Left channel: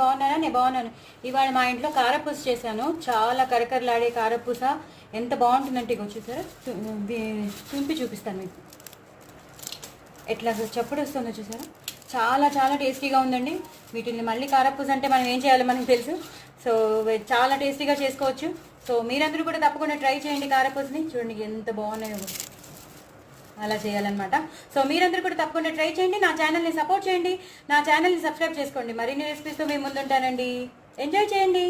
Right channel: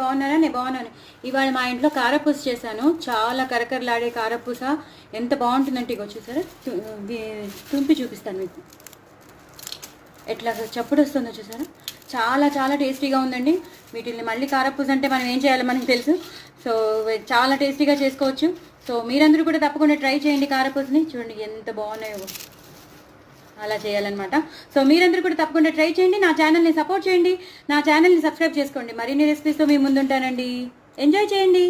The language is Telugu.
బాగున్నారా? నేను బాగున్నాను. ఇవాళ మా ఇంట్లో కారపూస చేశాను. చాలా కరకరలాడే కారపూస ఎంత బాగుంటుందంటే ఇగో చూసారా, తుంపి చూపిస్తాను మీకు. ఎట్లా చప్పుడు వస్తుందో చూసారా, చాలా చాలా టేస్టీగా ఉందండి. వీటిని మళ్ళీ కారపూస అంటే మనం ఏం చేయాలో మనకు తెలుసు. సో చాలా టేస్టీగా చేసుకోవచ్చు. సో మీరందరూ కూడా తప్పకుండా ట్రై చేయండి కారపూసని. చూడండి ఎంత బాగున్నాయో, అలా చేయాలన్నమాట. సో మీరందరూ కూడా తప్పకుండా ట్రై చేయండి. నా ఛానల్ని సపోర్ట్ చేయండి, నా ఛానల్ని సబ్స్క్రైబ్ చేసుకోండి. మరిన్ని రెసిపీస్తో మీ ముందుంటానండి. ఎంజాయ్ చేయండి.